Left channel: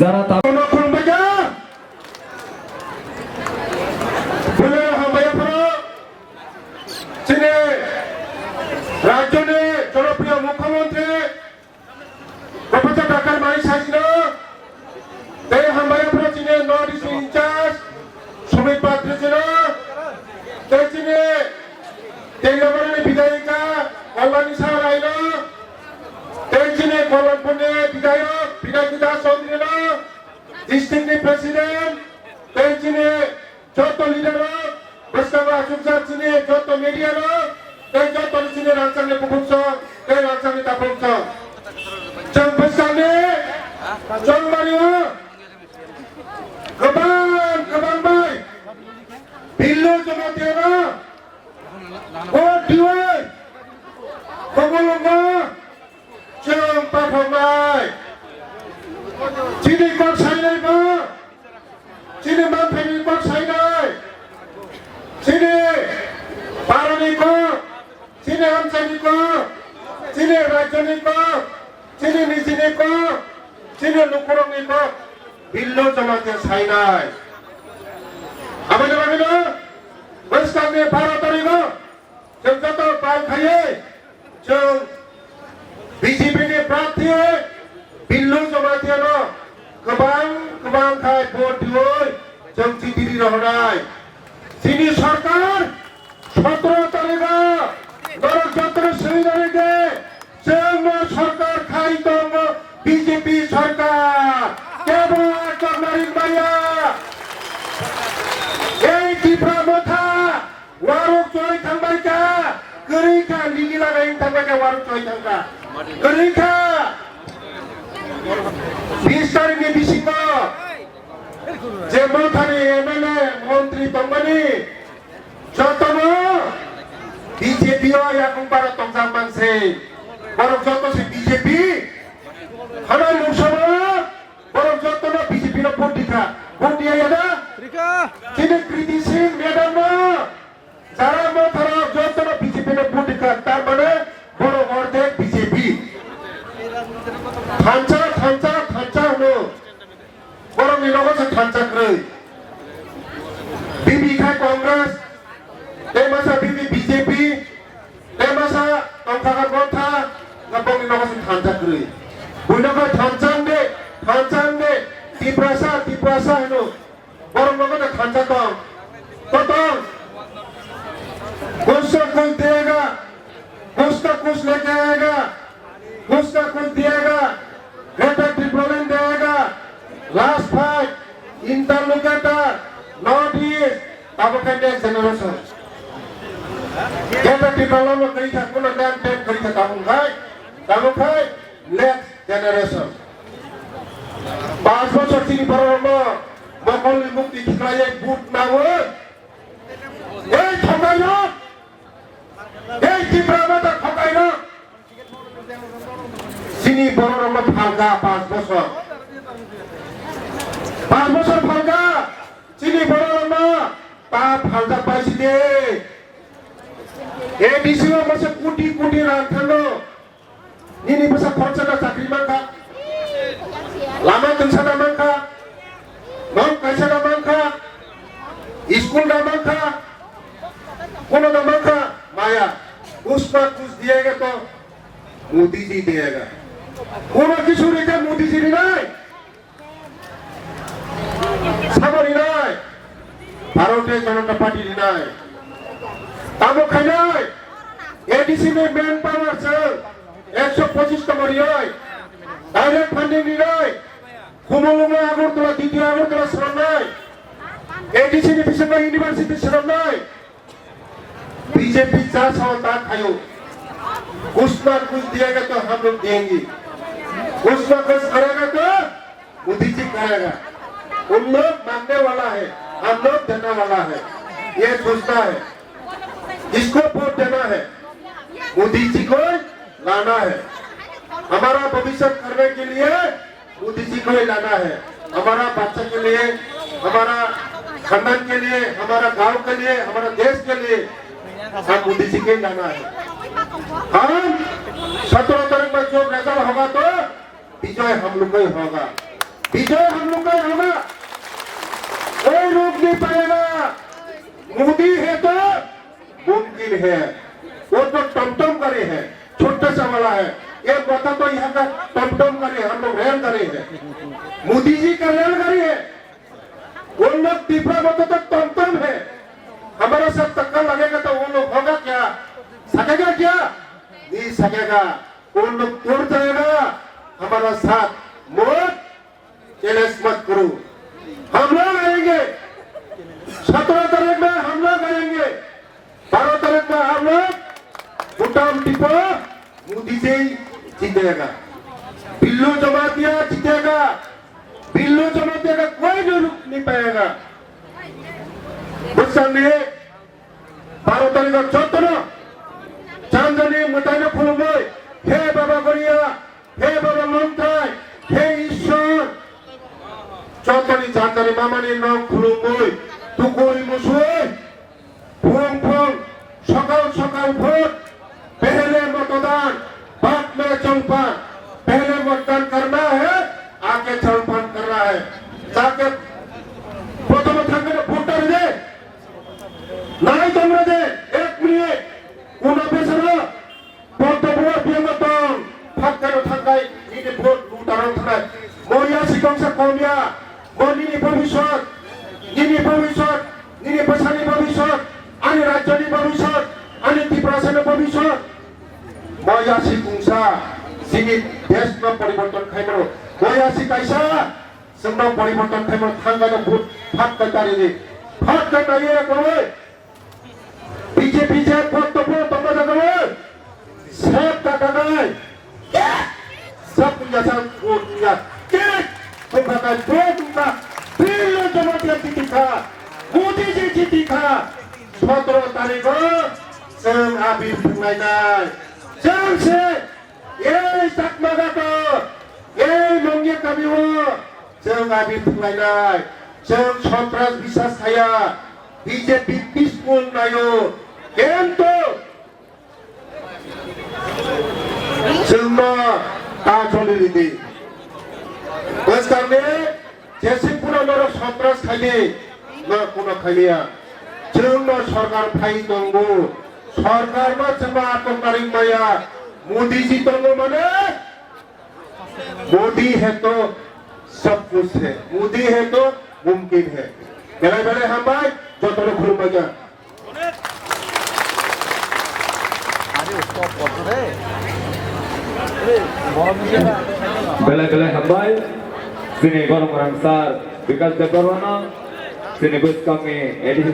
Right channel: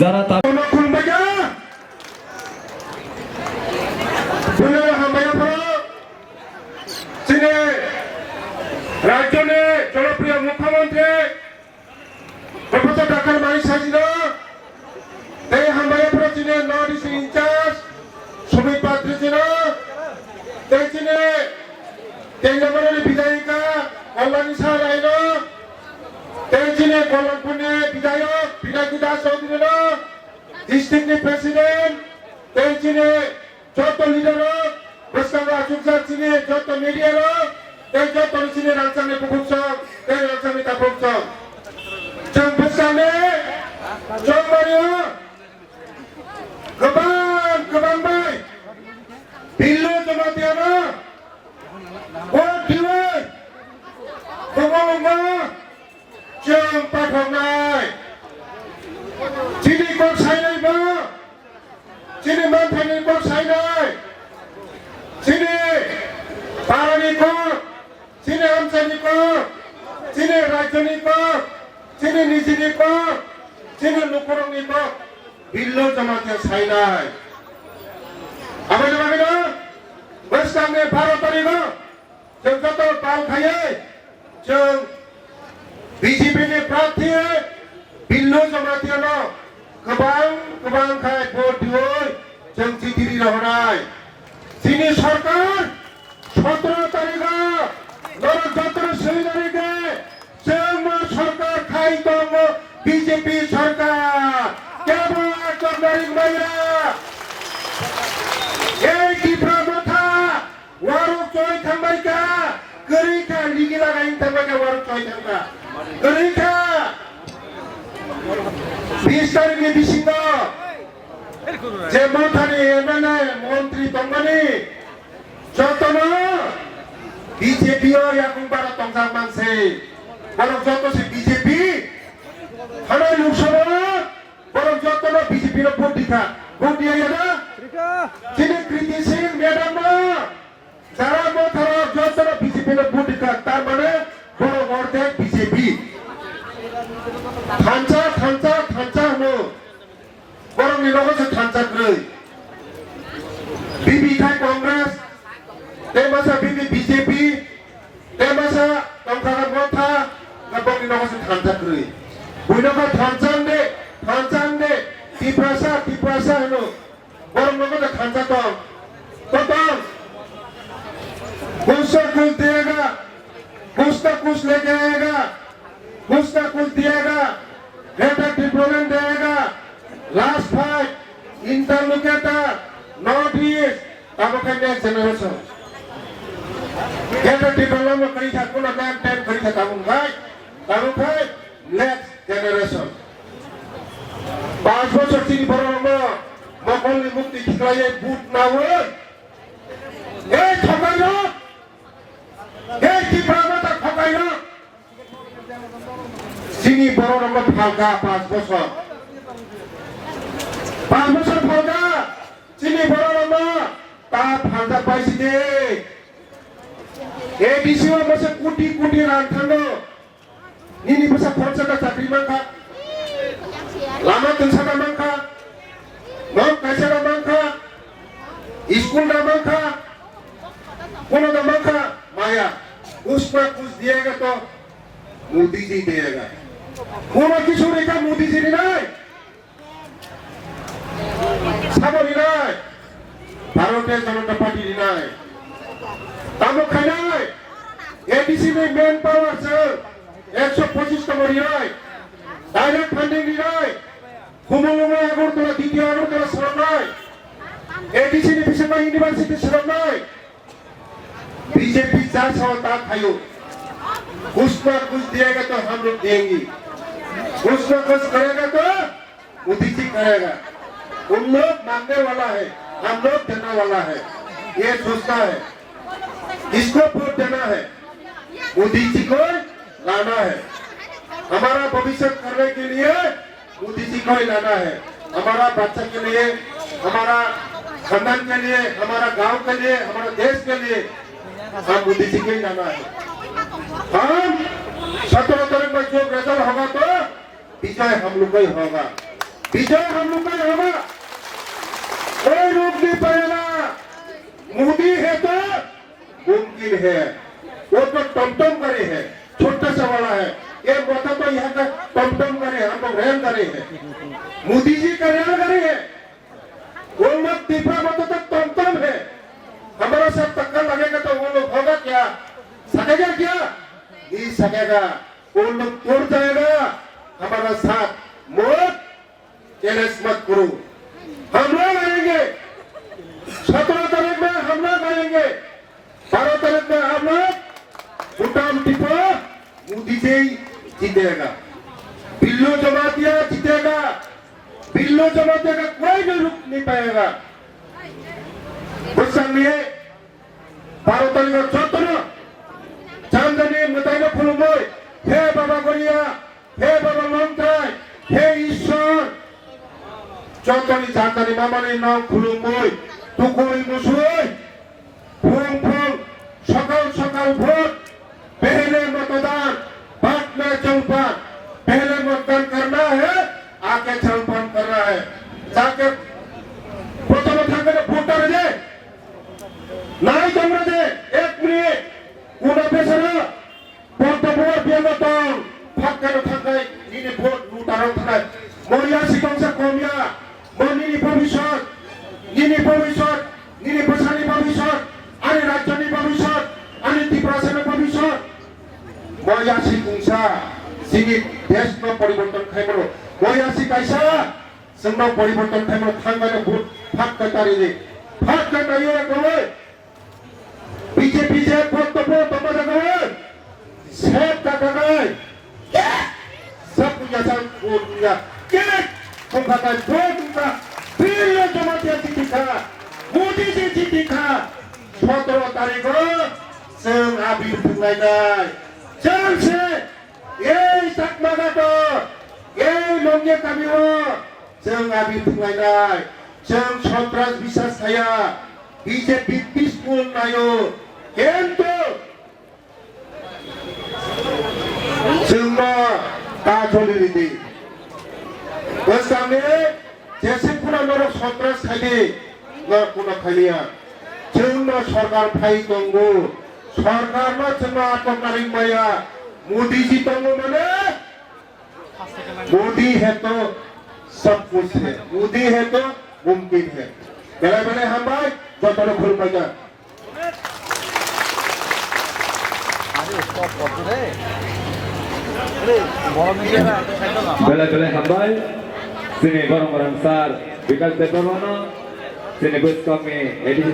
যারা রাজ্যের জনপ্রিয় মুখ্যমন্ত্রী প্রফেসর ডাক্তার মাই সাজিল তাই হামায়াপুরা চিনে নর্থ ইস্ট ইনচার্জ সুমিত পাত্র ছিল তাই চিনে তেঙ্গামারানি বিধায়িকা কল্যাণী সাহা রাইল তাই চিনে কল্যাণপুরে বিধায়ক বিনায়ক দাস চৌধুরী ডিস্ট্রিক্ট প্রেসিডেন্ট তাই চিনে যত লিডার বসকাবা আচুকসার চিনে যত মিডিয়া তাই যত চিনে রাজধানী পুকুরসব তাই রাজধানী তাপরসব Jambasane, Jambariyo, Kabang bay, Billu Jamatiana, What Diwai, Kamama, Jampatamai, Chini Box Highlight, Chini Mountain Box Highlight, Chini Paraniko, Chini Amsaniko, Chini Rajaniko, Chini Nijiniko, Chini Nukurongiko, Billo Jamate Sainai. Abadamagino, Westane Bharatarigo, Jantato Palkhaye, Jung BJP ne Prathi, Billo Jamatiano, Kabang Khai Botioi, Jung Chitiri Rohrai. Chini Sarkar, 17 তারিখে গণতন্ত্র সেমিনারিতে সরকার খাইতঙ্গ BJP সরকার কেবল চন্দ্রিক মাইয়া এই টিপ্রা মথা ওয়ারো চয় থাংবাইকা গরিখা লিগিলা গাইন থাংবাইকা ওয়ারো চয় থাংকা গরিখা 20 তারিখে বিশিত যে মথানি MLA মন্ত্রী তংবানি যতন বিজেপিও এখন বারো তংজা মানছে বরং যত সে বিজেপি হানাই লোকসভা বরং যত না বিজেপি র ভোট দিকা ভোট দিয়া যাবে চিনে কৃতি সিং ম্যাডাম যারা মথার যত না বিজেপি র ভোট দিকা তার মানে বড় অর্ধে বিজেপি থানচা হলো বরং নিরবচ্ছ থানচা করে বিবি খাই কংগ্রেস তেমাসা বিবি বিজেপি তেমাসা তংখাগার মথা Kapag inakasing hansa kuri. Buina ka thansande, tiprasa, ano. Parang mga ka thansa tong. Totong. Kuch देगा, कुछ तो कुछ लेके आएगा, कुछ तो कुछ देगा, बेटर डिप्लोमेंट देगा, last fight, interlocutor, not east, अब क्या जनरेशन. Better development करी था, कुल टाइम करी था कामों भाई, next generation. 5 বছর তিনি বড় মকলি মুক্তি ঠিকায় বুট না হয় এই ঠকাইল এই টিপ্রাবাটা ঠকাইল তিনি বড় ফালকা 5 বছর ফালকা তিনি বড় তা ফালকা পাইছি দে এডিসি বসে কোটি রান থাকলো নিনি বসে খরচাটা চাকরি মাঙ্গা लामा तुलसाना मंखा, नॉन कैसेना मंखा, स्कूल ना मंखा, कोनो ना मंखा, माया, उसमें कुछ दिएगा तो मोदी जी दिएगा, कोनो किसी ने क्या मोदी जी नहीं, सामरी नहीं, भारतीय जनता पार्टी नहीं, तामो खाना है, एडीसी में मैन पावर से 125 कमरी है, डायरेक्ट फंडिंग नहीं कुमुलुंग आगर तो द्वितीय आगर तो श्रम नहीं एडीसी ने पिछले यूनिवर्सिटी श्रम नहीं बीजेपी 400 ताक खायो कुछ ना कुछ दिएगा तो हम लोग देंगे कुछ ना कुछ करेगा तो मोदी जी करेगा उन लोग मांगने वाला है हम लोग देने वाला है ये सोचना है इसको वोट देना है मोदी जी को लाना है हमारा भविष्य करने के लिए मोदी जी को ही लाना है हमारा बच्चा के लिए हमारा खानदान के लिए हमारा गांव के लिए हमारा देश के लिए हम मोदी जी को ही लाना है हम 17 तारीख में जो रिजल्ट होगा तो विजय हम लोग का ही होगा विजय हम लोग का होगा, कोई रोक नहीं पाएगा। मोदी है तो मुमकिन है, वो तो टमटम करे है, छोटा सा वाला है, एक बात तो यहाँ का टमटम करे, हम लोग रेल करे हैं, मोदी जी का रेल करे है, वो लोग तिपरा में तो टमटम है, हमारे साथ टक्कर लगेगा तो वो लोग होगा क्या, सकेगा क्या, नहीं सकेगा, वो लोग टूट जाएगा। हमारा साथ मत चैलेंज मत करो, हम लोग आएंगे 17 तारीख में, हम लोग आएंगे 12 तारीख में, हम लोग भूटान टिपो मोदी जी जीतेगा, बिल्लू जमातिया जीतेगा, बिल्लू जमातिया का कोई भी रुक नहीं पाएगा। उस समय 12 तारीख चौथना चांदनी मुतायना फुलमय, हे बाबा गोरिया, हे बाबा मंत्राय, हे ईश्वर, चौथनी चांदनी मामानी नाम फुलमय, तुकोई मुसुई, फुंग फुंग, सकाल सकाल भोट, पहले मतदान, बाद में जलपान, पहले मतदान करना है, आगे जलपान करना है, जाके प्रथम थांगने भोटर दे, नाई जमरा दे, एक मिनट, उन्हें बेसरा, प्रथम बियमतन, फाक्कनो थांगाय, ini भोट लूटारो थांगाय, मोरिया सिकंसा कौमिया, मोनिनि भविष्यत, निनि भविष्यत, निनि बसानि भविष्यत, आनि राज्यनि भविष्यत, आनि त्रिपुरानि भविष्यत, मोरियासी कुंसा, सिनि देश में परिवर्तन खाइमरो, मोरियासी कैसा, संगो परिवर्तन खाइमरो थांगानो भोट फाट कतारिनि, फाट कतारिया कोई, बीजेपी से भोट तो भोट तो बजागोए, सब कतानाय, सब जैसा भोट दिया, क्या, तुम कतार भोट उनका, बिल्ले जमातिया जीती था, मोदी जी जीती था, 17 तारीख को, संग आबी फुलाइनाय, संग से, ये सकमागा तो, ये लोंगे कमियो, संग आबी फुलाइनाय, संग 17 विश्वास खाया, बीजेपी पीसफुल नायो, केंतो, संग ताजोली रीति, बस करने, जैसे पूरा लोग 17 खाली, लोग पूरा खालिया, संग सरकार भाई तंगो, सरकार में चंगा आतंकारी माया, मोदी जी तंगो मने, मोदी है तो सब कुछ है, मोदी है तो मुमकिन है, बेले हम भाई जो तोड़े खुल मजा, बेले हम भाई, sini barang-barang besar, Bikash Debbarma, sini bus kami, edisi